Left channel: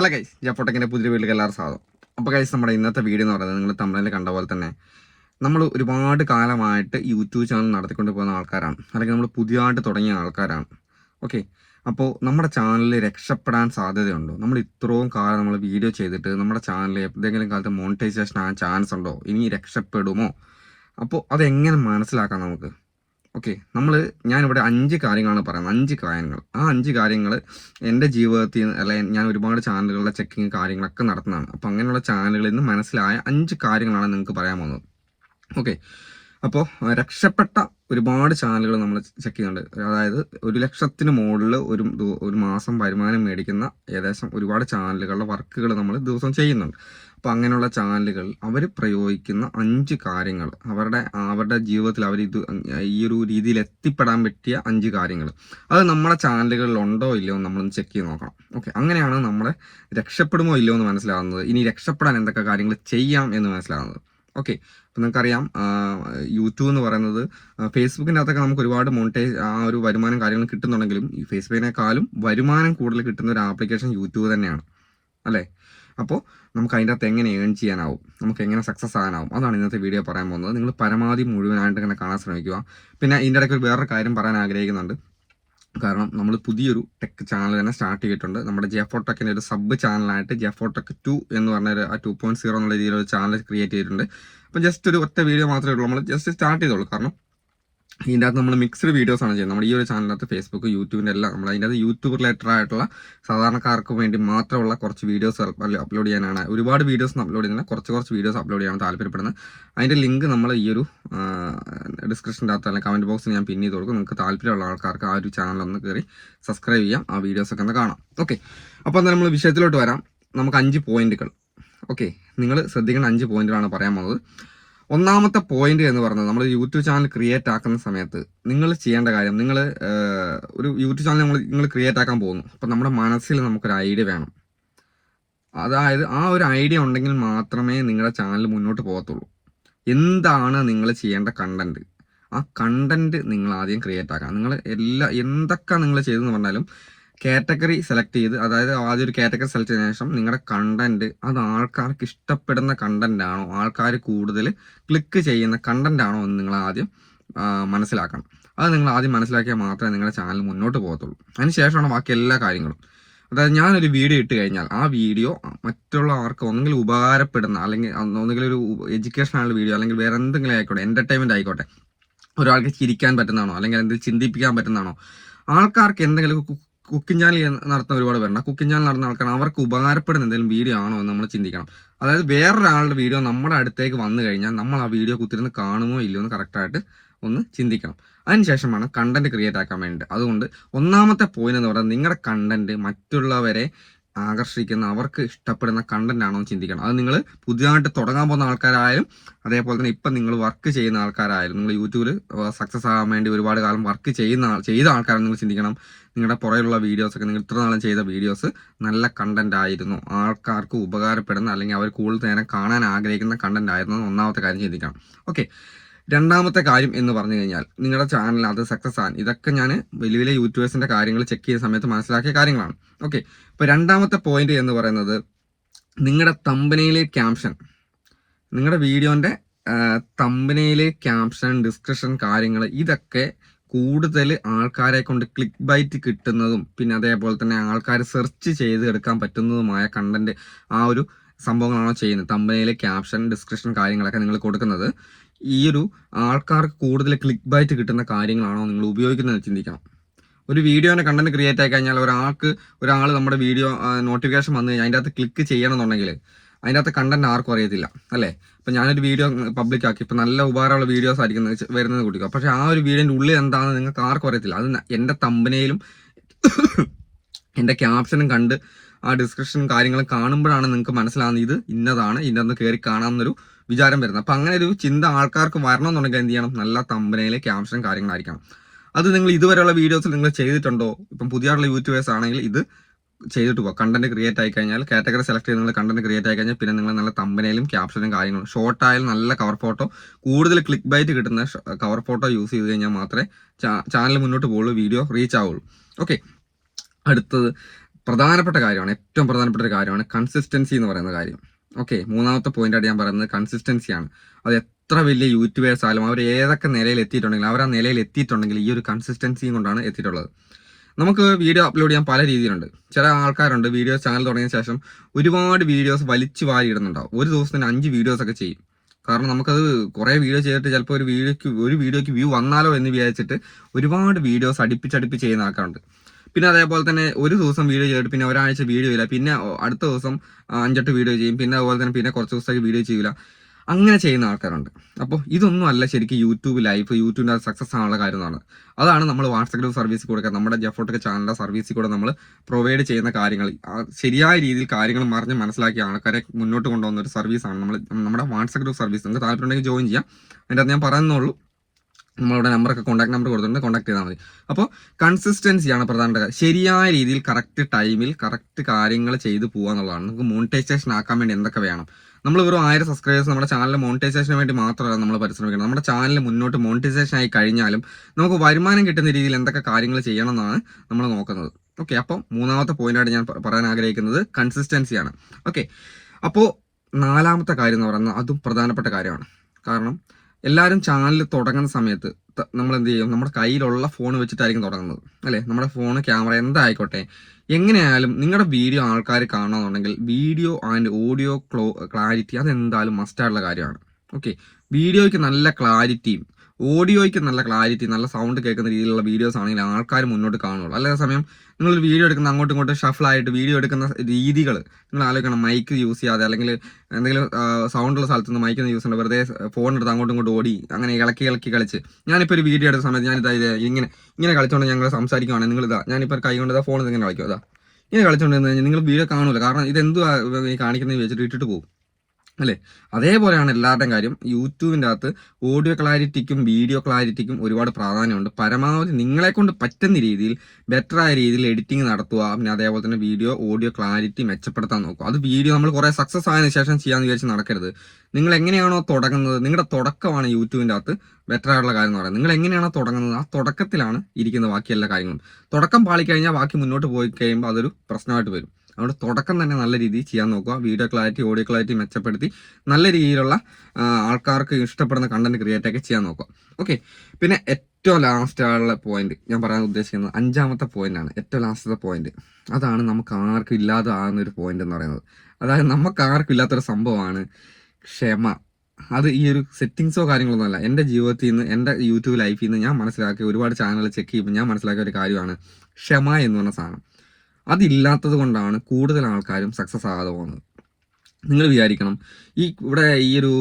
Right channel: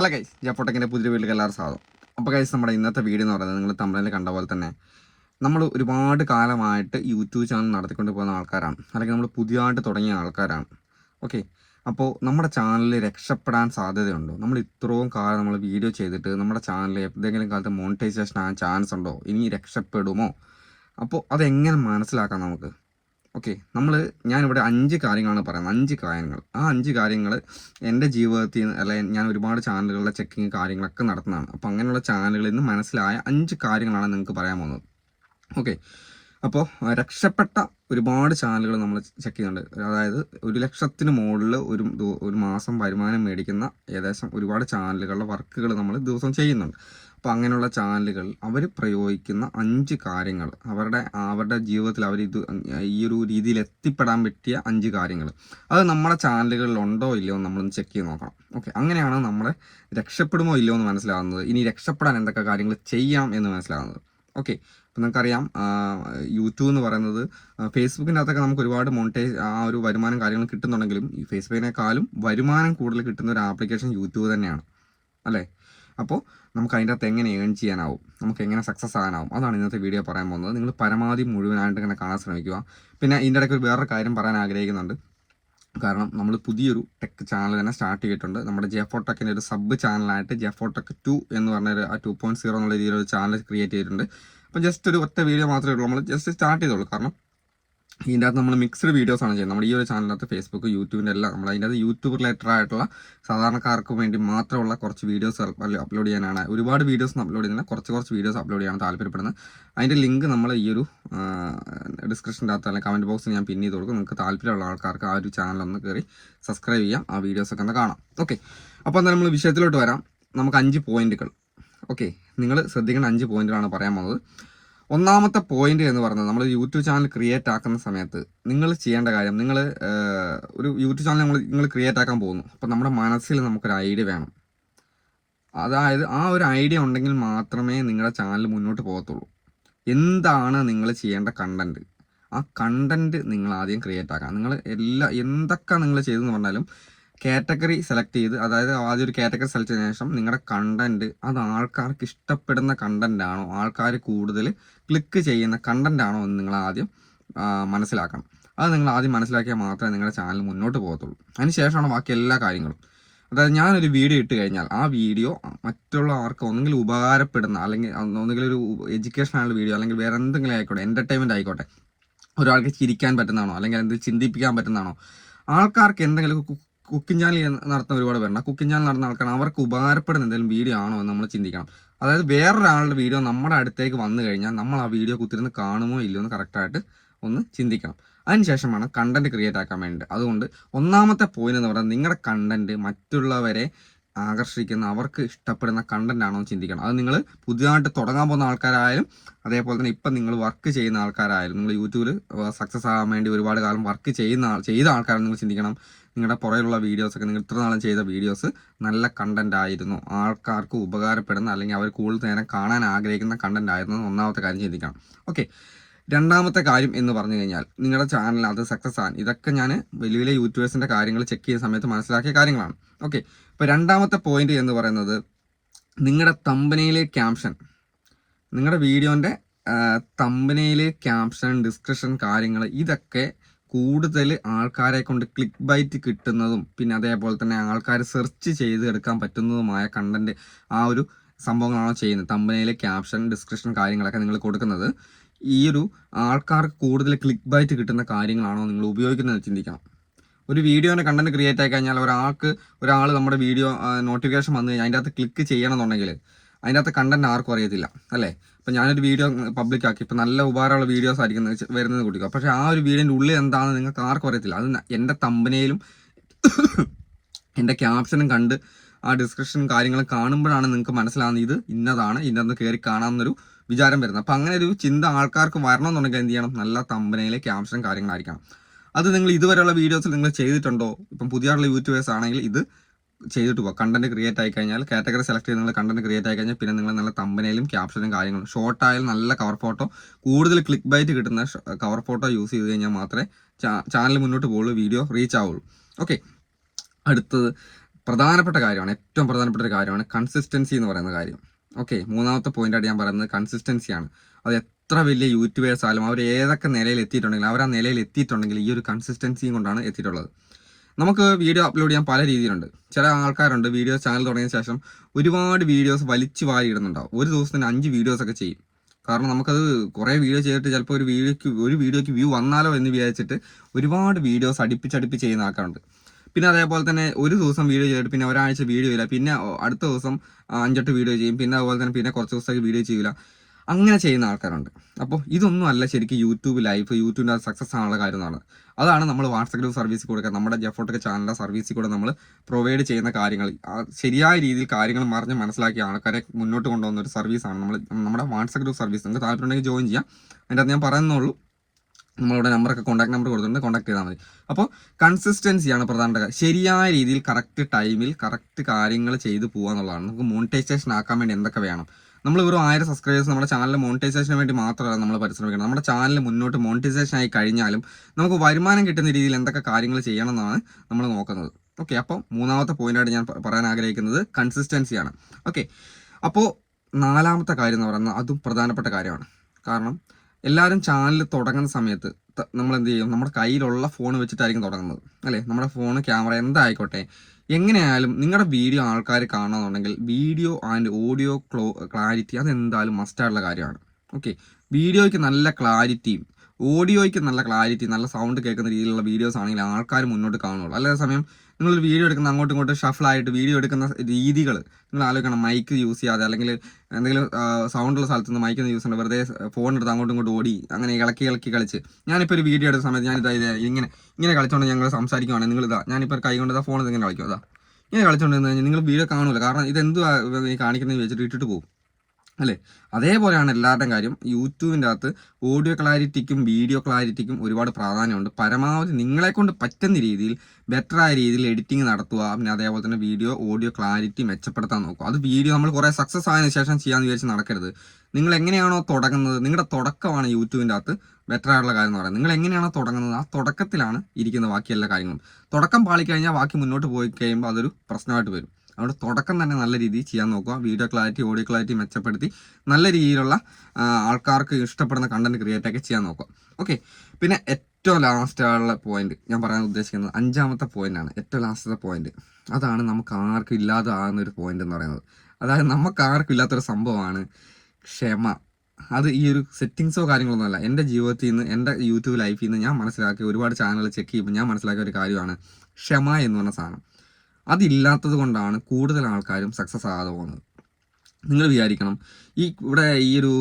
Hello guys ജപ്പോട്ടക്കിന്റെ പുതിയ വീട്ടിലേക്ക് എല്ലാവരും സ്വാഗതം. അപ്പോൾ ഗൈസ് നമ്മുടെ ഇന്നത്തെ വീഡിയോ എന്ന് പറയുന്നത് നിങ്ങൾ തമിഴിൽ കണ്ട പോലെ തന്നെ നമ്മൾ ഒരുപാട് കാലമായിട്ട് യൂട്യൂബ് ചാനൽ നടത്തിക്കൊണ്ട് പോകുന്ന ആൾക്കാരാണ്. അല്ലെങ്കിൽ നമ്മൾ പുതിയതായിട്ട് തുടങ്ങിയ ആൾക്കാരാണ്. ഓക്കെ അപ്പോൾ നമ്മുടെ ചാനലിൽ രക്ഷപ്പെടാൻ സാധ്യതയുണ്ടോ? നമ്മൾ ഇത്രയും കാലം നമ്മൾ വീഡിയോ ചെയ്തിട്ട് നമ്മുടെ ചാനലിൽ എന്തെങ്കിലും കാലത്ത് മോണിറ്റൈസേഷൻ ആകാൻ ചാൻസ് ഉണ്ടോ? ഇനി രക്ഷപ്പെടുമോ? അപ്പോൾ അതെങ്ങനെ മനസ്സിലാക്കാം നമുക്ക്? ഓക്കെ നമ്മൾ ഞാനിവിടെ അഞ്ച് കാര്യങ്ങളാണ് പറയുന്നത്. അഞ്ച് കാര്യങ്ങൾ. ആ അഞ്ച് കാര്യങ്ങൾ എന്റെ ജീവിതത്തിൽ നിന്ന് അല്ലെ ഞാൻ ഒരുപാട് ചാനലുകളുടെ ചെക്കിങ് കാര്യങ്ങളൊക്കെ നടത്തുന്നതാണ്. അപ്പം അങ്ങനെയുള്ള ചാനലുകളിൽ നിന്ന് മനസ്സിലായ അഞ്ച് കാര്യങ്ങളാണ് നിങ്ങൾക്ക് പറയാൻ പോകുന്നത്. ഓക്കെ അപ്പോൾ രക്ഷപ്പെട്ട ഒരുപാട് ചാനലുകൾ നമ്മൾ ചെക്ക് ചെയ്യുന്നുണ്ട്. അതായത് ഒരു ലക്ഷത്തിന് മുകളിൽ ഒരു ഒരു മാസം വരുമാനം മേടിക്കുന്ന ഏകദേശം ഒരുപാട് ചാനലുകളുടെ വർക്കുകൾ നമ്മൾ ദിവസം ചെയ്യുന്നുണ്ട്. അപ്പോൾ അങ്ങനെയുള്ള ചാനലുകൾ അവർ പ്രയോഗിക്കുന്ന അഞ്ച് കാര്യങ്ങൾ അവരുടെ അവരുടെ ജീവിതത്തിൽ അവർ ഇത് ഈ ഒരു രീതിയിൽ എത്തിപ്പെടാൻ പറ്റിയ അഞ്ച് കാര്യങ്ങൾ അത് നമ്മുടെ ചാനലുകളിൽ ഉണ്ടോ ഇല്ലയോ എന്ന് നമ്മളൊന്ന് ചെക്ക് ചെയ്ത് നോക്കണം. ഓക്കെ അങ്ങനെയാണ് നമ്മളെ രക്ഷപ്പെടുമോ ഇല്ലയോ എന്ന് മനസ്സിലാകുന്നത് ഇനി രക്ഷപ്പെടാൻ എന്തൊക്കെ കാര്യങ്ങൾ ചെയ്യാം എന്ന് മനസ്സിലാവുന്നത്. ഓക്കെ. അപ്പം നിങ്ങൾക്കറിയാം യൂട്യൂബ് എന്ന് പറയുന്നത് ഫേസ്ബുക്കിന്റെ അകത്തൊക്കെ നമുക്ക് ഒരുപാട് മോണിറ്റൈ ആ ഒരു വരുമാനം കാര്യങ്ങൾ കിട്ടുന്നുണ്ടെങ്കിലും ഈ ഫേസ്ബുക്കിനേക്കാളും വരുമാനം കൂടുതൽ കിട്ടുന്ന ഒരു ആപ്ലിക്കേഷൻ യൂട്യൂബ് തന്നെയാണ്. അല്ലേ? അപ്പോൾ നമുക്ക് അതിന്റെ അകത്ത് എങ്ങനെ ഏൺ ചെയ്യാനാവും? നമുക്ക് എങ്ങനെ സക്സസ് ആകാനാവും? അതാണ് ഇന്നത്തെ വീഡിയോ പറയാൻ പോകുന്നത്. നിങ്ങൾ പരമാവധി മുഴുവനായിട്ട് ഇങ്ങനെ കാണാൻ ശ്രമിക്കുക. പിന്നെ ഇതിന്റെ ഇടയ്ക്ക് വേറൊരു കാര്യം പറയാൻ ആഗ്രഹിക്കുന്നുണ്ട്. കാരണം നമ്മൾ പുതിയൊരു ടെക് ചാനൽ തന്നെ സ്റ്റാർട്ട് ചെയ്തിട്ടുണ്ട്. നമ്മുടെ ജെഫോടെക്കിന്റെ ഒരു സബ് ചാനലായിട്ട് ജെഫോടെക് ടു എന്ന് പറഞ്ഞ ഒരു ആ ടു പോയിന്റ് സീറോ എന്നുള്ള രീതിയിൽ ഒരു ചാനൽ ക്രിയേറ്റ് ചെയ്തിട്ടുണ്ട്. അപ്പോൾ ജസ്റ്റ് ഒരു ഒറ്റ വീഡിയോ മാത്രമേ ഉള്ളൂ. നമ്മൾ ജസ്റ്റ് സ്റ്റാർട്ട് ചെയ്തോളൂ. കാരണം ഇതിന്റെ അകത്ത് നമ്മൾ മിക്സ്ഡ് വീഡിയോസ് ആണ് ചെയ്യുന്നത്. നമ്മുടെ ഈ ഒരു ചാനലിനകത്ത് ഫേസ്ബുക്ക് യൂട്യൂബിന്റെ എല്ലാം നമ്മൾ അതിന്റെ അകത്ത് യൂട്യൂബ് റിലേറ്റഡ് ആയിട്ടുള്ള സാധാരണക്കാർക്ക് വേണ്ടി മാത്രമുള്ള കുറച്ച് വീഡിയോസ് അപ്ലോഡ് ചെയ്യാനാണ്. ഒരുപാട് വീഡിയോസ് അപ്ലോഡ് ചെയ്യുന്നില്ല. കുറച്ച് കുറച്ച് വീഡിയോസ് അപ്ലോഡ് ചെയ്യാൻ താല്പര്യപ്പെടുന്നത്. അതിന്റെ ലിങ്ക് നമ്മൾ ഈ ഒരു ഡിസ്ക്രിപ്ഷന്റെ അകത്ത് അല്ലെങ്കിൽ കമന്റ് ബോക്സിൽ ഞാൻ പിൻ ചെയ്ത് കൊടുക്കും. നിങ്ങൾക്ക് താല്പര്യമുള്ള ആൾക്കാർക്ക് ആ ഒരു ചാനലൊന്ന് കയറി സബ്സ്ക്രൈബ് ചെയ്യാം. ആ വീഡിയോസൊക്കെ ഒന്ന് കാണാം. ഓക്കെ അപ്പോൾ നമ്മൾ വിഷയത്തിലോട്ട് വരാം. നമുക്ക് അഞ്ച് പോയിന്റുകൾ ഓക്കെ നിങ്ങൾ ശ്രദ്ധിക്കേണ്ട അഞ്ച് പോയിന്റുകളാണ് പറയാൻ പോകുന്നത്. ഒന്നാമത്തെ പോയിന്റ് എന്ന് പറയുന്നത് നമ്മൾ യൂട്യൂബ് ചാനൽ ക്രിയേറ്റ് ആക്കുന്ന സമയത്ത് നിങ്ങൾ ചെയ്യേണ്ട കാര്യം നിങ്ങൾ ഒരു യൂട്യൂബ് ചാനൽ നമ്മൾ നിങ്ങൾ ക്രിയേറ്റ് ആക്കാൻ പോകുന്നു. അപ്പം നമ്മുടെ മനസ്സിൽ നമുക്കൊരു ഐഡിയ വേണം. അതായത് ആ ഒരു ഐഡിയ ഉണ്ടെങ്കിൽ മാത്രമേ നിങ്ങളുടെ ചാനൽ മുന്നോട്ട് പോകത്തുള്ളൂ. എന്താണ് നിങ്ങൾ ചെയ്യേണ്ട കണ്ടന്റ് ആ കണ്ടന്റ് നിങ്ങൾ ആദ്യം ക്രിയേറ്റ് ആക്കാം നിങ്ങൾ എല്ലാ എന്തൊക്കെ നിങ്ങൾ ചെയ്തെന്ന് പറഞ്ഞാലും കാറ്റഗറി സെലക്ട് ചെയ്ത് അതായത് ആദ്യം ഒരു കാറ്റഗറി സെലക്ട് ചെയ്തതിനു ശേഷം നിങ്ങളുടെ കണ്ടന്റ് അത് ആൾക്കാർക്ക് ഇഷ്ടപ്പെടുന്ന കണ്ടന്റ് ആണോ ആൾക്കാർ കൂടുതൽ ക്ലിക്ക് ചെയ്യുന്ന കണ്ടന്റ് ആണോ എന്ന് നിങ്ങൾ ആദ്യം മനസ്സിലാക്കണം. അത് നിങ്ങൾ ആദ്യം മനസ്സിലാക്കിയാൽ മാത്രമേ നിങ്ങളുടെ ചാനൽ മുന്നോട്ട് പോകത്തുള്ളൂ. അതിനുശേഷമാണ് ബാക്കി എല്ലാ കാര്യങ്ങളും. അതായത് ഞാനൊരു വീഡിയോ ഇട്ട് കഴിഞ്ഞാൽ ആ വീഡിയോ മറ്റുള്ള ആർക്ക് ഒന്നെങ്കിൽ ഉപകാരപ്പെടുന്ന അല്ലെങ്കിൽ ഒന്നെങ്കിൽ ഒരു എഡ്യൂക്കേഷൻ ആയുള്ള വീഡിയോ അല്ലെങ്കിൽ വേറെ എന്തെങ്കിലും ആയിക്കോട്ടെ എന്റർടൈൻമെന്റ് ആയിക്കോട്ടെ ഒരാൾക്ക് ചിരിക്കാൻ പറ്റുന്നതാണോ അല്ലെങ്കിൽ എന്തെങ്കിലും ചിന്തിപ്പിക്കാൻ പറ്റുന്നതാണോ ആൾക്കാർക്ക് എന്തെങ്കിലും കുക്കിംഗ് ചാനൽ നടത്തുന്ന ഒരുപാട് പേരുണ്ട്. കുക്കിംഗ് ചാനൽ നടത്തുന്ന ആൾക്കാർ അവർക്ക് ഉപകാരപ്പെടുന്ന എന്തെങ്കിലും വീഡിയോ ആണോ എന്ന് നമ്മൾ ചിന്തിക്കണം. അതായത് വേറൊരാളുടെ വീഡിയോ നമ്മുടെ അടുത്തേക്ക് വന്നു കഴിഞ്ഞാൽ നമ്മൾ ആ വീഡിയോ കുത്തിരുന്ന് കാണുമോ ഇല്ലയോ എന്ന് കറക്റ്റായിട്ട് ഒന്ന് ചിന്തിക്കണം. അതിനുശേഷം വേണം കണ്ടന്റ് ക്രിയേറ്റ് ആക്കാൻ വേണ്ടിയിട്ട്. അതുകൊണ്ട് ഒന്നാമത്തെ പോയിന്റ് എന്ന് പറഞ്ഞാൽ നിങ്ങളുടെ കണ്ടന്റ് മറ്റുള്ളവരെ ആകർഷിക്കുന്ന അവർക്ക് ഇഷ്ടപ്പെടുന്ന കണ്ടന്റ് ആണോ ചിന്തിക്കണം. അത് നിങ്ങൾ പുതിയതായിട്ട് തുടങ്ങാൻ പോകുന്ന ആൾക്കാരായാലും അതേപോലെ തന്നെ ഇപ്പം നിങ്ങൾ വർക്ക് ചെയ്യുന്ന ആൾക്കാരായാലും നിങ്ങൾ യൂട്യൂബിൽ സക്സസ് ആകാൻ വേണ്ടി ഒരുപാട് കാലം വർക്ക് ചെയ്യുന്ന ചെയ്ത ആൾക്കാരെ നിങ്ങൾ ചിന്തിക്കണം. നിങ്ങളുടെ പുറകിലുള്ള വീഡിയോസ് ഒക്കെ നിങ്ങൾ ഇത്ര നാളും ചെയ്ത വീഡിയോസ് നല്ല കണ്ടന്റ് ആയിരുന്നു. ആൾക്കാർക്ക് ഉപകാരപ്പെടുന്ന അല്ലെങ്കിൽ അവർ കൂടുതൽ നേരം കാണാൻ ആഗ്രഹിക്കുന്ന കണ്ടന്റ് ആയിരുന്നു. ഒന്നാമത്തെ കാര്യം ചിന്തിക്കണം. ഓക്കെ രണ്ടാമത്തെ കാര്യം എന്ന് പറഞ്ഞു കഴിഞ്ഞാൽ നിങ്ങളുടെ ചാനൽ അത് സക്സസ് ആണ് ഇതൊക്കെ ഞാൻ വലിയ വലിയ യൂട്യൂബേഴ്സിന്റെ കാര്യങ്ങൾ ചെക്ക് ചെയ്ത സമയത്ത് മനസ്സിലാക്കിയ കാര്യങ്ങളാണ്. ഓക്കെ ഇപ്പൊ രണ്ടാമത്തെ പോയിന്റ് എന്ന് പറയുന്നത് നിങ്ങളുടെ തമ്പനയിലെ ക്യാപ്ഷൻ നിങ്ങളുടെ വീഡിയോന്റെ തമ്പനയിലെ ക്യാപ്ഷൻ ഡിസ്ക്രിപ്ഷൻ കാര്യങ്ങൾ ഇതൊക്കെ കൂടുതൽ ആൾക്കാരെ കൊണ്ട് ക്ലിക്ക് ബൈറ്റ് കിട്ടുന്നതും പിന്നെ അതേപോലെ തന്നെ ആൾക്കാർ സെർച്ച് ചെയ്ത് എടുക്കാൻ പറ്റുന്നതുമായ കണ്ടന്റ് ആ ഒരു സംഭവങ്ങളാണോ ചെയ്യുന്നത്? തമ്പനയിലെ ക്യാപ്ഷൻ ഡിസ്ക്രിപ്ഷൻ കാര്യങ്ങളൊക്കെ നിങ്ങൾ കൊടുക്കുന്നത്. ഈ ഒരു ആൾക്കാർക്ക് കൂടുതൽ ക്ലിക്ക് ബൈറ്റ് കിട്ടുന്ന കാര്യങ്ങളാണോ നിങ്ങൾ ഉപയോഗിക്കുന്നത് ചിന്തിക്കണം. ഒരു വീഡിയോനെ കണ്ടന്റ് ക്രിയേറ്റ് ആയി കഴിഞ്ഞാൽ ഒരാൾക്ക് ഒരാൾ നമ്മുടെ വീഡിയോ നോട്ടിഫിക്കേഷൻ വന്നു കഴിഞ്ഞാൽ അതിന്റെ അകത്ത് ക്ലിക്ക് ചെയ്യണമെന്നുണ്ടെങ്കിൽ അതിന്റെ അകത്ത് കണ്ടന്റ് ആർക്കും അറിയത്തില്ല അല്ലേ? ഇപ്പം ഞാനൊരു വീഡിയോ പബ്ലിക് ആക്കി ഇപ്പം നല്ല ഉപകാരമുള്ള വീഡിയോസ് ആയിരിക്കും വരുന്നത് കുട്ടിക്കോ. പക്ഷേ ആ ഒരു വീഡിയോന്റെ ഉള്ളിൽ എന്താണെന്ന് നിങ്ങൾക്ക് ആർക്കും അറിയത്തില്ല. അത് എന്റെ തമ്പനയിലും എന്റെ ക്യാപ്ഷനും കണ്ട് ആ ഡിസ്ക്രിപ്ഷനും കാര്യങ്ങളും കാണുമ്പോഴാണ് നിങ്ങൾക്ക് മനസ്സിലാകുന്നത് ഇത് ഇന്നതാണ് ഇന്നതെന്ന് കയറി കാണാമെന്നൊരു വിചാരം വരുന്നത്. അപ്പം അങ്ങനെ ഒരു ചിന്ത ആൾക്കാർക്ക് വരണമെന്നുണ്ടെങ്കിൽ എന്ത് ചെയ്യണം? നല്ല തമ്പനയിലെ ക്യാപ്ഷനും കാര്യങ്ങളായിരിക്കണം. അത് നിങ്ങൾ ഇതുവരെയുള്ള വീഡിയോസിൽ നിങ്ങൾ ചെയ്തിട്ടുണ്ടോ? ഇപ്പം പുതിയായിട്ടുള്ള യൂട്യൂബേഴ്സ് ആണെങ്കിൽ ഇത് ചെയ്തിട്ട് പോകുക കണ്ടന്റ് ക്രിയേറ്റ് ആയി കഴിഞ്ഞാൽ കാറ്റഗറി സെലക്ട് ചെയ്ത് നിങ്ങൾ കണ്ടന്റ് ക്രിയേറ്റ് ആയി കഴിഞ്ഞാൽ പിന്നെ നിങ്ങൾ നല്ല തമ്പനയിലും ക്യാപ്ഷനും കാര്യങ്ങളും ഷോർട്ട് ആയാലും നല്ല കവർ ഫോട്ടോ കൂടുതൽ ക്ലിക്ക് ബൈറ്റ് കിട്ടുന്ന കവർ ഫോട്ടോ യൂസ് ചെയ്ത് കഴിഞ്ഞാൽ മാത്രമേ ചാനൽ മുന്നോട്ട് പോകുള്ളൂ വീഡിയോ റീച്ച് ആവുള്ളൂ. ഓക്കെ അടുത്തത്. പ്രധാനപ്പെട്ട കാര്യമാണ് ഏറ്റവും പ്രധാനപ്പെട്ട ഒരു കാര്യമാണ് കൺസിസ്റ്റൻസി എന്ന് പറയുന്ന കാര്യം. ഓക്കെ മൂന്നാമത്തെ പോയിന്റായിട്ട് ഞാൻ പറയുന്നത് കൺസിസ്റ്റൻസിയാണ് അത് എത്ര വലിയ യൂട്യൂബേഴ്സ് ആയാലും അവർ ഏതൊക്കെ നിലയിൽ എത്തിയിട്ടുണ്ടെങ്കിൽ അവർ ആ നിലയിൽ എത്തിയിട്ടുണ്ടെങ്കിൽ ഈ ഒരു കൺസിസ്റ്റൻസിയും കൊണ്ടാണ് എത്തിയിട്ടുള്ളത്. നമുക്ക് വീഡിയോ അപ്ലോഡ് ചെയ്യാൻ പല രീതിയിലുണ്ട്. ചില ആൾക്കാരുണ്ട് വീഡിയോ ചാനൽ തുടങ്ങിയ ശേഷം ഒരുപാട് വീഡിയോസ് വലിച്ചു വാരി ഇടുന്നുണ്ടാവും ഒരു ദിവസത്തിന് അഞ്ച് വീഡിയോസ് ഒക്കെ ചെയ്യും. കാരണം നമുക്കത് കുറേ വീഡിയോ ചെയ്തിട്ട് ചിലപ്പോൾ ഒരു വീഡിയോക്ക് ഒരു വീഡിയോക്ക് വ്യൂ വന്നാലോ എന്ന് വിചാരിച്ചിട്ട് ഒരുപാട് വീഡിയോസ് അടുപ്പിച്ചടുപ്പിച്ച് ചെയ്യുന്ന ആൾക്കാരുണ്ട്. പിന്നെ അതേപോലെ തന്നെ ഒരു ദിവസം വീഡിയോ ചെയ്തിട്ട് പിന്നെ ഒരാഴ്ച വീഡിയോ ഇല്ല പിന്നെ അടുത്ത ദിവസം അഞ്ചെട്ട് വീഡിയോ ചെയ്യും. പിന്നെ അതുപോലെ തന്നെ പിന്നെ കുറച്ച് ദിവസത്തേക്ക് വീഡിയോ ചെയ്യില്ല അങ്ങനെ ചെയ്യുന്ന ആൾക്കാരുണ്ട്. അപ്പോൾ ഇതൊന്നും അല്ല ശരിക്കും യൂട്യൂബ് ലൈഫ് യൂട്യൂബിന്റെ സക്സസ് ആണുള്ള കാര്യം എന്നാണ് അതാണ് നമ്മൾ വാട്സപ്പ് ഗ്രൂപ്പ് സർവീസിൽ കൊടുക്കുക നമ്മുടെ ജെഫോട്ടൊക്കെ ചാനലിന്റെ സർവീസിൽ കൂടെ നമ്മൾ പ്രൊവൈഡ് ചെയ്യുന്ന കാര്യങ്ങൾ. ശരിയായ രീതിയിൽ കാര്യങ്ങൾ മറിഞ്ഞ് മനസ്സിലാക്കിയ ആൾക്കാരെ മുന്നോട്ട് കൊണ്ടുപോകുന്ന ഒരു സർവീസാണ് നമ്മൾ നമ്മുടെ വാട്സപ്പ് ഗ്രൂപ്പ് സർവീസ് നിങ്ങൾക്ക് താല്പര്യമുണ്ടെങ്കിൽ ജോയിൻ ചെയ്യാം. അതിന്റെ അത് ഞാൻ പറയുന്നുള്ളൂ നമ്മളുടെ നമ്പറൊക്കെ കോൺടാക്ട് നമ്പർ കൊടുത്തിട്ടുണ്ട് കോൺടാക്ട് ചെയ്താൽ മതി. അപ്പോൾ കൺസിസ്റ്റൻസിയാണ് പ്രധാന ശരിയായ രീതിയിൽ കറക്റ്റ് ടൈമിൽ കറക്റ്റ് കാര്യങ്ങൾ ചെയ്തു പോകുക എന്നുള്ളതാണ്. നമുക്ക് മോണിറ്റൈസേഷൻ ആക്കാൻ വേണ്ടി എന്തൊക്കെ വേണം? നമ്മൾ വെറും ആയിരം സബ്സ്ക്രൈബേഴ്സ് നമ്മുടെ ചാനൽ മോണിറ്റൈസേഷന് വേണ്ടി മാത്രമല്ല നമ്മൾ പരിശ്രമിക്കണം നമ്മുടെ ചാനൽ മുന്നോട്ട് മോണിറ്റൈസേഷൻ ആയി കഴിഞ്ഞാലും നമുക്ക് വരുമാനം കിട്ടുന്ന രീതിയിൽ എന്തൊക്കെ കാര്യങ്ങൾ ചെയ്യണം എന്നാണ് നമ്മൾ നോക്കുന്നത്. ഓക്കെ അപ്പോൾ മൂന്നാമത്തെ പോയിന്റായിട്ട് ഞാൻ പറയാൻ ആഗ്രഹിക്കുന്നത് കൺസിസ്റ്റൻസിയാണ് ഓക്കെ അപ്പോൾ നാലാമത്തെ കാര്യം എന്ന് പറയുന്നത് അതും പ്രധാനപ്പെട്ട കാര്യമാണ്. കാരണം എല്ലാവരും ചാനൽ തുടങ്ങുന്ന സമയത്ത് നമ്മൾ എന്ത് ചെയ്യും നമ്മുടെ കയ്യിലുള്ള ഫോൺ വെച്ചിട്ടായിരിക്കും തുടങ്ങുന്നത് അല്ലേ? നമ്മുടെ ഫോൺ ക്യാമറ എന്തായിക്കോട്ടെ? എങ്ങനെയായാലും നിങ്ങളുടെ വീഡിയോ ആൾക്കാർ കാണണമെന്നുണ്ടെങ്കിൽ വീഡിയോ ആൻഡ് ഓഡിയോ ക്ലോ ക്ലാരിറ്റി അതെന്തായാലും മസ്റ്റായിട്ടുള്ള കാര്യമാണ്. ഓക്കെ വീഡിയോയ്ക്ക് നല്ല ക്ലാരിറ്റിയും ഓഡിയോയ്ക്ക് നല്ല ക്ലാരിറ്റി നല്ല സൗണ്ട് കേൾക്കുന്ന രീതിയിലുള്ള വീഡിയോസ് ആണെങ്കിൽ ആൾക്കാർ മുന്നോട്ട് കാണുള്ളൂ. അല്ലാതെ സമയം നിങ്ങൾ വീഡിയോ എടുക്കുന്ന അങ്ങോട്ടും ഇങ്ങോട്ടും ഷഫിളായിട്ട് വീഡിയോ എടുക്കുന്ന രീതികൾ നിങ്ങൾ ആലോചിക്കണം. മൈക്ക് യൂസ് ചെയ്യാതെ അല്ലെങ്കിൽ എന്തെങ്കിലും സൗണ്ടുള്ള സ്ഥലത്ത് നിന്ന് മൈക്ക് യൂസ് ചെയ്യണം വെറുതെ ഫോൺ എടുത്ത് അങ്ങോട്ടും ഇങ്ങോട്ടും ഓടി അങ്ങനെ ഇളക്കി ഇളക്കി കളിച്ച്. ഞാനിപ്പോൾ ഒരു വീഡിയോ എടുത്ത സമയത്ത് ഞാനിതാ ഇങ്ങനെ ഇങ്ങനെ കളിച്ചുകൊണ്ട് ഞങ്ങൾ സംസാരിക്കുവാണ്. നിങ്ങൾ ഇതാ ഞാനിപ്പോൾ കൈ കൊണ്ട് ഇതാ ഫോൺ ഇങ്ങനെ കളിക്കും. അതാ ഇങ്ങനെ കളിച്ചുകൊണ്ട് നിന്ന് കഴിഞ്ഞാൽ നിങ്ങൾ വീഡിയോ കാണൂല. കാരണം ഇതെന്തുവാ കാണിക്കുന്നത് വെച്ചിട്ട് ഇട്ടിട്ട് പോകും. അല്ലേ? അതേപോലെയാണ് എല്ലാവരുടെയും കാര്യം. യൂട്യൂബിന്റെ അകത്ത് ഓഡിയോ ക്ലാരിറ്റിക്കും വീഡിയോ ക്ലാരിറ്റിക്കും ഒരുപാട് പ്രാധാന്യമുണ്ട്. പരമാവധി നിങ്ങളെ കൊണ്ട് പറ്റുന്ന രീതിയിൽ ബെറ്റർ ആയ രീതിയിൽ എഡിറ്റിംഗ് നടത്തുക പിന്നെ അതേപോലെ തന്നെ വീഡിയോ ഓഡിയോ ക്ലാരിറ്റി മെച്ചപ്പെടുത്താൻ നോക്കുക. അത് വീഡിയോ നമ്മൾ കുറേ സക്സസ് ആയതിനു ശേഷം ചെയ്യാന്ന് വിചാരിച്ച് നടക്കരുത്. നിങ്ങൾ എങ്ങനെയാണോ തുടങ്ങുന്നത് നിങ്ങളുടെ തുടക്കമാണ് യൂട്യൂബിന്റെ അകത്ത് ബെറ്റർ ആയിട്ടുള്ള കാര്യം എന്ന് പറയുന്നത്. നിങ്ങൾ എങ്ങനെയാണോ തുടങ്ങുന്നത് ആ തുടക്കത്തിലാണ് ഇരിക്കുന്ന ബാക്കി എല്ലാ കാര്യങ്ങളും. തുടക്കം പാളിക്കഴിഞ്ഞാൽ ബാക്കി മുന്നോട്ട് പോയി കഴിയുമ്പോൾ അതൊരു പ്രശ്നമായിട്ട് വരും. അതുകൊണ്ട് തുടക്കം തന്നെ നല്ല രീതിയിൽ ചെയ്യാൻ നോക്കുക. വീഡിയോ ക്ലാരിറ്റി ഓഡിയോ ക്ലാരിറ്റി മെച്ചപ്പെടുത്തി നല്ല രീതിയിലുള്ള ആൾക്കാർക്ക് ഇഷ്ടപ്പെടുന്ന കണ്ടന്റ് ക്രിയേറ്റ് ഒക്കെ ചെയ്യാൻ നോക്കുക. ഓക്കെ പിന്നെ ഏറ്റവും ലാസ്റ്റ് ആളുള്ള പോയിന്റ് ഞാൻ പറയാൻ ഉദ്ദേശിക്കുന്നത് അഞ്ചാമത്തെ പോയിന്റ് ആണ്. ഏറ്റവും ലാസ്റ്റത്തെ പോയിന്റ് അതാണ് നമുക്ക് ആർക്കും ഇല്ലാതെ ആകുന്ന ഒരു പോയിന്റ് എന്ന് പറയുന്നത്. അതായത് നമുക്ക് ആർക്കും ഇല്ലാത്തൊരു സംഭവമാണ് ക്ഷമ. അത് ഈ ഒരു സെറ്റിങ്സോ കാര്യങ്ങളൊന്നും അല്ല. എന്റെ ജീവിതത്തിൽ നിന്ന് എന്റെ യൂട്യൂബ് ലൈഫിൽ നിന്ന് ഞാൻ മനസ്സിലാക്കിയ ഒരുപാട് ചാനൽ ചെക്ക് ചെയ്യുമ്പോൾ ഞാൻ മനസ്സിലാക്കിയ ഒരു കാര്യമാണ് ക്ഷമ എന്ന് പറഞ്ഞ സാധനം. അതില്ലാത്തത് കൊണ്ടാണ് കൂടുതൽ ആൾക്കാരും സക്സസ് ആകാതെ പോകുന്നത്. നിങ്ങൾ വിചാരിക്കണം ഈ ഇവിടെ ഈ ഒരു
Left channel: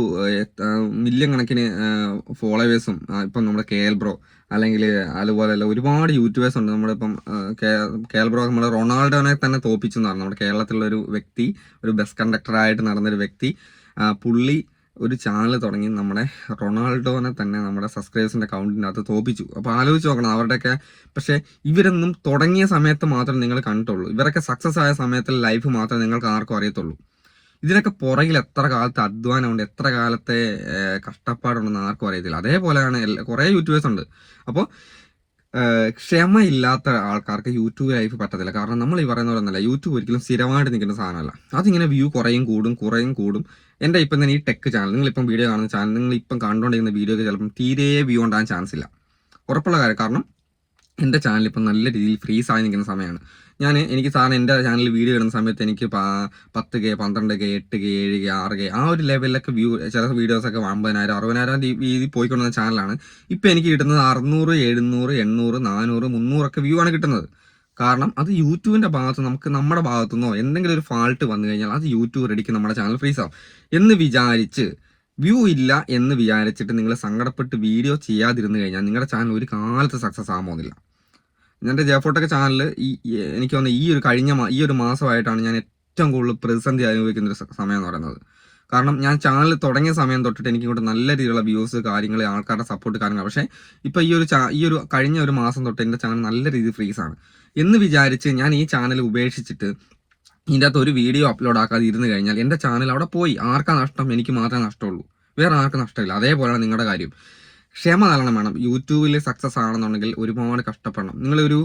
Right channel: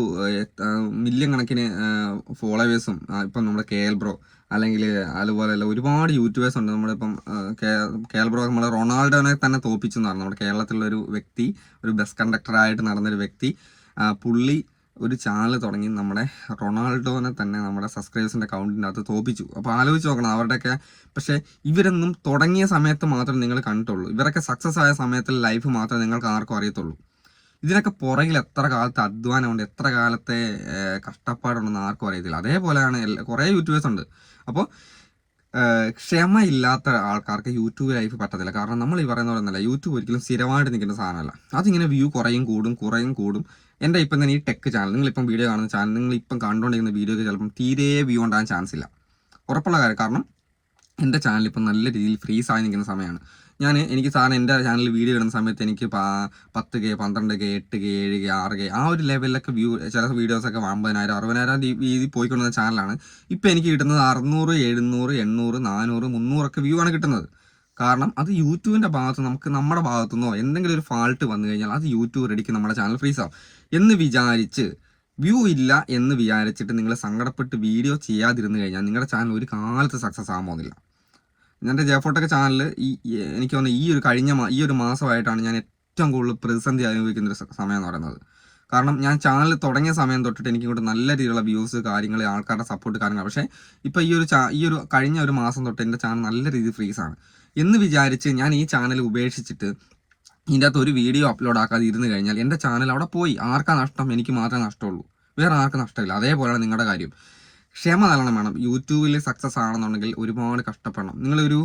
മില്യൺ കണക്കിന് ഫോളോവേഴ്സും ഇപ്പം നമ്മുടെ കെ എൽ ബ്രോ അല്ലെങ്കിൽ അതുപോലെ അല്ല ഒരുപാട് യൂട്യൂബേഴ്സ് ഉണ്ട്. നമ്മുടെ ഇപ്പം കെ എൽ ബ്രോ നമ്മുടെ റൊണാൾഡോനെ തന്നെ തോപ്പിച്ചെന്ന് പറഞ്ഞു നമ്മുടെ കേരളത്തിലുള്ള ഒരു വ്യക്തി ഒരു ബസ് കണ്ടക്ടറായിട്ട് നടന്നൊരു വ്യക്തി പുള്ളി ഒരു ചാനൽ തുടങ്ങി നമ്മുടെ റൊണാൾഡോനെ തന്നെ നമ്മുടെ സബ്സ്ക്രൈബേഴ്സിന്റെ അക്കൗണ്ടിനകത്ത് തോപ്പിച്ചു. അപ്പോൾ ആലോചിച്ച് നോക്കണം അവരുടെയൊക്കെ പക്ഷേ ഇവരൊന്നും തുടങ്ങിയ സമയത്ത് മാത്രം നിങ്ങൾ കണ്ടിട്ടുള്ളൂ. ഇവരൊക്കെ സക്സസ് ആയ സമയത്തിൽ ലൈഫ് മാത്രം നിങ്ങൾക്ക് ആർക്കും അറിയത്തുള്ളൂ. ഇതിനൊക്കെ പുറകിൽ എത്ര കാലത്തെ അധ്വാനമുണ്ട് എത്ര കാലത്തെ കഷ്ടപ്പാടുണ്ടെന്ന് ആർക്കും അറിയത്തില്ല. അതേപോലെയാണ് കുറേ യൂട്യൂബേഴ്സ് ഉണ്ട്. അപ്പോൾ ക്ഷമയില്ലാത്ത ആൾക്കാർക്ക് യൂട്യൂബ് ലൈഫ് പറ്റത്തില്ല. കാരണം നമ്മൾ ഈ പറയുന്ന പോലെ ഒന്നല്ല യൂട്യൂബ് ഒരിക്കലും സ്ഥിരമായിട്ട് നിൽക്കുന്ന സാധനമല്ല. അതിങ്ങനെ വ്യൂ കുറയും കൂടും കുറയും കൂടും. എന്റെ ഇപ്പം തന്നെ ഈ ടെക് ചാനൽ നിങ്ങൾ നിങ്ങളിപ്പം വീഡിയോ കാണുന്ന ചാനൽ നിങ്ങൾ ഇപ്പം കണ്ടുകൊണ്ടിരിക്കുന്ന വീഡിയോയ്ക്ക് ചിലപ്പം തീരെ വ്യൂ ഉണ്ടാകാൻ ചാൻസ് ഇല്ല. ഉറപ്പുള്ള കാര്യം കാരണം എന്റെ ചാനൽ ഇപ്പം നല്ല രീതിയിൽ ഫ്രീസ് ആയി നിൽക്കുന്ന സമയമാണ്. ഞാൻ എനിക്ക് സാധനം എന്റെ ചാനലിൽ വീഡിയോ ഇടുന്ന സമയത്ത് എനിക്ക് പത്ത് കെ പന്ത്രണ്ട് കെ എട്ട് കെ ഏഴ് കെ ആറ് കെ ആ ഒരു ലെവലിലൊക്കെ വ്യൂ ചില വീഡിയോസൊക്കെ അമ്പതിനായിരം അറുപതിനായിരം രീതി പോയിക്കൊണ്ടിരുന്ന ചാനലാണ് ഇപ്പം എനിക്ക് കിട്ടുന്നത് അറുന്നൂറ് എഴുന്നൂറ് എണ്ണൂറ് നാനൂറ് മുന്നൂറൊക്കെ വ്യൂ ആണ് കിട്ടുന്നത്. കാരണം അത് യൂട്യൂബിന്റെ ഭാഗത്ത് നമുക്ക് നമ്മുടെ ഭാഗത്തു നിന്നോ എന്തെങ്കിലും ഒരു ഫാൾട്ട് വന്നു കഴിഞ്ഞാൽ അത് യൂട്യൂബ് റെഡിക്ക് നമ്മുടെ ചാനൽ ഫ്രീസ് ആവും. എന്ന് വിചാരിച്ച് വ്യൂ ഇല്ല എന്ന് വിചാരിച്ചിട്ട് നിങ്ങൾ സങ്കടപ്പെട്ട് വീഡിയോ ചെയ്യാതിരുന്നു കഴിഞ്ഞാൽ നിങ്ങളുടെ ചാനൽ ഒരു കാലത്ത് സക്സസ് ആകാൻ പോകുന്നില്ല. എന്റെ ജയഫോട്ടൊക്കെ ചാനലിൽ ഈ എനിക്ക് തോന്നുന്നു ഈ ഒരു കഴിഞ്ഞ ഈ ഒരു മാസമായിട്ടാണ് ഞാൻ ഏറ്റവും കൂടുതൽ പ്രതിസന്ധി അനുഭവിക്കുന്ന ഒരു സമയം എന്ന് പറയുന്നത്. കാരണം ഞാൻ ചാനൽ തുടങ്ങിയ സമയം തൊട്ടിട്ട് എനിക്ക് ഇങ്ങോട്ട് നല്ല രീതിയിലുള്ള വ്യൂസ് കാര്യങ്ങൾ ആൾക്കാരുടെ സപ്പോർട്ട് കാര്യങ്ങൾ പക്ഷേ ഇപ്പം ഈ ഒരു ഈ ഒരു കഴിഞ്ഞ ഒരു മാസം തൊട്ട് എന്റെ ചാനൽ നല്ല രീതിയിൽ ഫ്രീസാണ് എന്ന് വിചാരിച്ച് ഞാൻ ഈ ചാനൽ ഉപേക്ഷിച്ചിട്ട് ഇതിന്റെ അകത്ത് ഒരു വീഡിയോ അപ്ലോഡ് ആക്കാതെ ഇരുന്ന് കഴിഞ്ഞാൽ എന്റെ ചാനൽ അവിടെ പോയി. ആർക്കാ നഷ്ടം? എനിക്ക് മാത്രമേ നഷ്ടമുള്ളൂ. വേറെ ആർക്കും നഷ്ടമില്ല. അതേപോലെയാണ് നിങ്ങളുടെ കാര്യം. ക്ഷമ നല്ലോണം വേണം യൂട്യൂബിൽ സക്സസ് ആണെന്നുണ്ടെങ്കിൽ ഒരുപാട് കഷ്ടപ്പെടണം. നിങ്ങളൊരു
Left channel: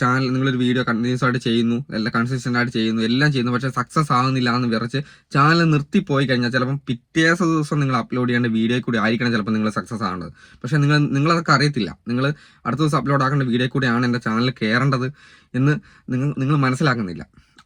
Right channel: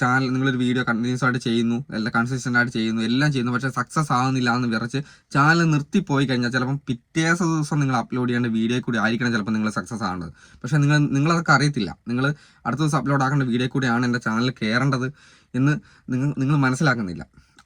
ചാനൽ നിങ്ങളൊരു വീഡിയോ കണ്ടിന്യൂസ് ആയിട്ട് ചെയ്യുന്നു എല്ലാം കൺസിസ്റ്റന്റ് ആയിട്ട് ചെയ്യുന്നു എല്ലാം ചെയ്യുന്നു പക്ഷേ സക്സസ് ആകുന്നില്ല എന്ന് വിറച്ച് ചാനൽ നിർത്തി പോയി കഴിഞ്ഞാൽ ചിലപ്പം പിറ്റേ ദിവസം നിങ്ങൾ അപ്ലോഡ് ചെയ്യേണ്ട വീഡിയോ കൂടി ആയിരിക്കണം ചിലപ്പോൾ നിങ്ങൾ സക്സസ് ആവേണ്ടത് പക്ഷേ നിങ്ങൾ നിങ്ങളതൊക്കെ അറിയത്തില്ല. നിങ്ങൾ അടുത്ത ദിവസം അപ്ലോഡ് ആക്കേണ്ട വീഡിയോ കൂടിയാണ് എന്റെ ചാനൽ കയറേണ്ടത് എന്ന് നിങ്ങൾ നിങ്ങൾ മനസ്സിലാക്കുന്നില്ല.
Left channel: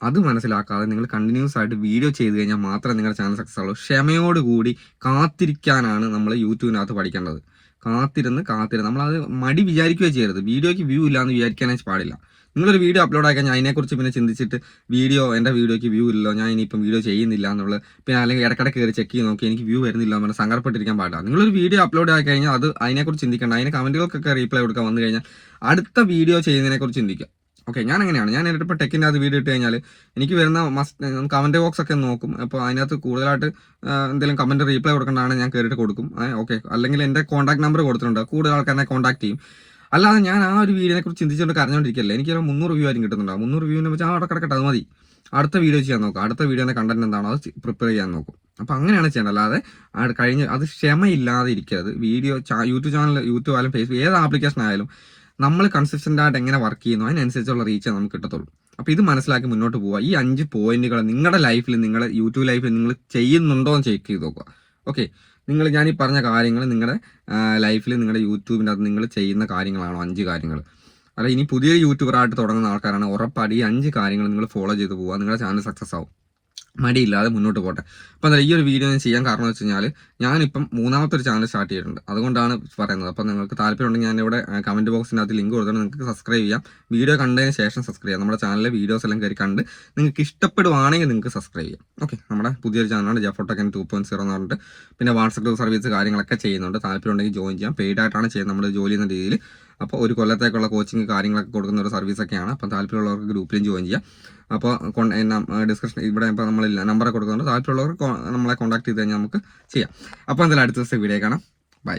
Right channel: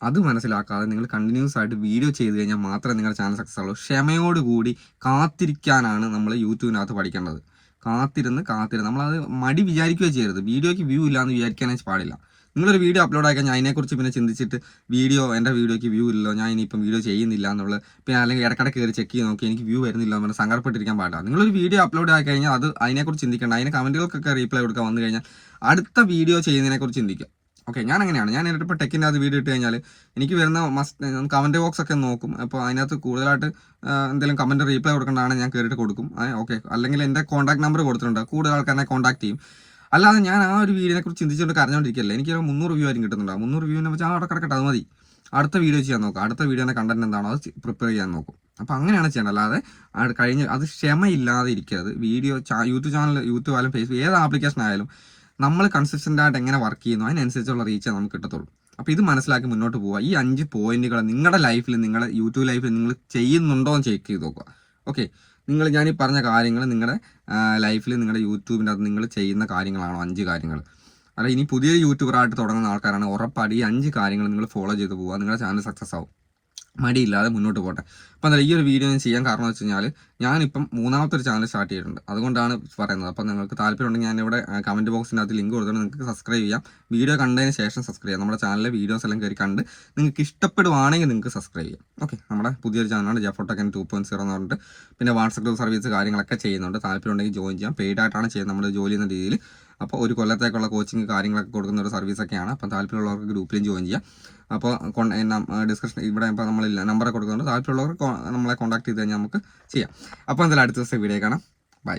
അത് മനസ്സിലാക്കാതെ നിങ്ങൾ കണ്ടിന്യൂസ് ആയിട്ട് വീഡിയോ ചെയ്ത് കഴിഞ്ഞാൽ മാത്രമേ നിങ്ങളുടെ ചാനൽ സക്സസ് ആവുള്ളൂ. ക്ഷമയോടുകൂടി കാത്തിരിക്കാനാണ് നമ്മൾ യൂട്യൂബിനകത്ത് പഠിക്കേണ്ടത്. കാത്തിരുന്ന് കാത്തിരുന്ന് നമ്മളത് മടി വിചാരിക്കുകയോ ചെയ്യരുത്. വീഡിയോയ്ക്ക് വ്യൂ ഇല്ലാന്ന് വിചാരിക്കാനേ പാടില്ല. നിങ്ങളൊരു വീഡിയോ അപ്ലോഡ് ആക്കാൻ ഞാൻ അതിനെക്കുറിച്ച് പിന്നെ ചിന്തിച്ചിട്ട് വീഡിയോ എന്റെ വീഡിയോയ്ക്ക് വ്യൂ ഇല്ലല്ലോ ഞാൻ ഇനിയിപ്പം വീഡിയോ ചെയ്യുന്നില്ല എന്നുള്ളത് പിന്നെ അല്ലെങ്കിൽ ഇടക്കിടക്ക് കയറി ചെക്ക് ചെയ്ത് നോക്കി എനിക്ക് വ്യൂ വരുന്നില്ല എന്ന് സങ്കടപ്പെട്ടിരിക്കാൻ പാടില്ല. നിങ്ങളൊരു വീഡിയോ അപ്ലോഡ് ആക്കി കഴിഞ്ഞാൽ അത് അതിനെക്കുറിച്ച് ചിന്തിക്കേണ്ട അതിന് കമന്റുകൾക്കൊക്കെ റീപ്ലൈ കൊടുക്കാൻ വന്നു കഴിഞ്ഞാൽ അടുത്ത വീഡിയോ ചെയ്യുന്നതിനെക്കുറിച്ച് ചിന്തിക്കുക. ഓക്കെ ഞാൻ അങ്ങനെയാണ് ഞാൻ എന്നിട്ട് ഇപ്പോൾ ടെക്കിന്റെ അത് വീഡിയോ ഇട്ട് കഴിഞ്ഞാൽ എനിക്ക് വരുന്ന മസ്റ്റ് കമന്റ് ബോക്സ് ഒക്കെ നോക്കും. അപ്പോൾ അതിനകത്ത് കൂടുതലായിട്ട് എന്തെങ്കിലും കമന്റ് റീപ്ലൈ കൊടുക്കേണ്ടതാണ് ഞാൻ കയറിയിട്ട് കൊടുക്കും. ഓക്കെ അല്ലെങ്കിൽ എന്റെ കോൺടാക്ട് നമ്പർ കൊടുത്തിട്ടുണ്ട്. കൂടുതൽ ആൾക്കാരെ കോൺടാക്ട് ചെയ്യും. അല്ലാതെ ഞാൻ ആ ഒരു വീഡിയോനെ കുറിച്ച് ചിന്തിച്ചുകൊണ്ട് കരഞ്ഞോണ്ടിരിക്കല്ല എനിക്ക് മുന്നൂറ് വ്യൂ ആയിരിക്കും കിട്ടുന്നുണ്ടാവും. മുന്നൂറ് വ്യൂവിനെ വെച്ചാൽ അവിടെ കിടക്കട്ടെ അത് മതി. അടുത്ത വീഡിയോ ചെയ്യാൻ നോക്കും അടുത്ത വീഡിയോ കണ്ടന്റ് എന്താണോ അത് പ്രിപ്പയർ ചെയ്യാൻ നോക്കും. അപ്പോൾ അങ്ങനെയാണ് ചെയ്യേണ്ടത്. അല്ലാതെ കഴിഞ്ഞ് അത് ക്ഷമയില്ലാതെ ഇരിക്കരുത്. വീഡിയോ യൂട്യൂബ് ചാനൽ യൂട്യൂബ് ആയാലും ഫേസ്ബുക്ക് ഏത് ആപ്ലിക്കേഷൻ ആയാലും നമ്മൾ കൺസിസ്റ്റന്റ് ആയിട്ട് എങ്ങനെ വർക്ക് ചെയ്യുന്നു അതിനനുസരിച്ചുള്ള റീച്ച് നമുക്ക് കിട്ടത്തുള്ളൂ. അപ്പൊ ഇത് മനസ്സിലാക്കി മുന്നോട്ട് പോവുക. ഈ അഞ്ച് പോയിന്റുകൾ നിങ്ങളുടെ ലൈഫിൽ നിങ്ങളുടെ യൂട്യൂബ് ലൈഫിൽ നിങ്ങൾ ചെയ്യുന്നുണ്ടോ എന്ന് ചെക്ക് ചെയ്ത് നോക്കുക. ഓക്കെ നിങ്ങൾ ഞാൻ ഈ പറഞ്ഞ കാര്യങ്ങൾ നിങ്ങളുടെ ലൈഫിൽ നിങ്ങളുടെ യൂട്യൂബിന്റെ അത് നിങ്ങൾ ചെയ്യുന്ന കാര്യങ്ങളാണോ? അഞ്ച് കാര്യങ്ങൾ അല്ല ഇനി പുതിയ യൂട്യൂബറായിട്ട് തുടങ്ങുന്ന ആൾക്കാരാണ് ഉറപ്പായിട്ട് ഈ അഞ്ച് കാര്യങ്ങൾ നിങ്ങൾ ഫോളോ ചെയ്ത് പോവുക. നിങ്ങളുടെ ചാനൽ സക്സസ് ആവും. മടിയില്ലാതെ മുന്നോട്ട് പോട്ടെ. അപ്പം എന്താ ഈ ഒരു വീഡിയോ ഞാൻ ചെയ്യാൻ കാരണം വെച്ച് കഴിഞ്ഞാൽ ഞാനിപ്പം മൂന്നാമത്തെ ഒരു ചാനൽ സ്റ്റാർട്ട് ചെയ്തിട്ടുണ്ട്. അതുകൊണ്ടാണ് പറയുന്നത്. അപ്പം നിങ്ങൾക്ക് താല്പര്യമുണ്ടെങ്കിൽ ഞാൻ ഇവിടെ കമന്റ് ബോക്സിനകത്ത് ലിങ്ക് കൊടുത്തിട്ട് നിങ്ങൾക്ക് സബ്സ്ക്രൈബ് ചെയ്യാം. വീഡിയോ കണ്ടതിന് ശേഷം സബ്സ്ക്രൈബ് ചെയ്യാം. നമ്മുടെ ചാനലിലെ വീഡിയോസ് എല്ലാം കയറി കണ്ട് നിങ്ങൾക്ക് ഇഷ്ടപ്പെടുവാണെങ്കിൽ നിങ്ങൾക്ക് സബ്സ്ക്രൈബ് ചെയ്യാം. ഓക്കെ നമ്മുടെ പുതിയൊരു ചാനലാണ് ജഫോട്ടക്കൻ ടു പോയിന്റ് സീറോ എന്ന് പറഞ്ഞിട്ട്. പിന്നെ വാട്സപ്പ് സർവീസ് കാര്യങ്ങളൊക്കെ ചെയ്യുന്നുണ്ട്. താല്പര്യമുണ്ടെങ്കിൽ ജോയിൻ ചെയ്യാം. പെയ്ഡ് ആയിട്ടാണ് ചെയ്യുന്നത്. നമ്മുടെ ജോലി എന്ന രീതിയിൽ അപ്പോൾ ഒരു കൊല്ലത്തേക്കുള്ള കോച്ചിങ് കാര്യങ്ങളൊക്കെ കൊടുക്കുന്ന ഒരു സർവീസൊക്കെയാണ് അപ്പം താല്പര്യമുള്ളവർക്ക് ഗ്രൂപ്പിലും ജോയിൻ ചെയ്യാം. അപ്പോൾ ഡിസ്കഷൻ ഇവിടെ ഇപ്പോൾ നമ്മൾ നമ്പർ കൊടുക്കുന്നുണ്ട് താല്പര്യമുള്ളവർ നമ്മളെ കോൺടാക്ട് ചെയ്ത് കഴിഞ്ഞാൽ നമുക്ക് ചെയ്യാം. അപ്പോൾ എന്തായാലും അടുത്ത ദിവസത്തെ വീഡിയോ കാണാം. ബൈ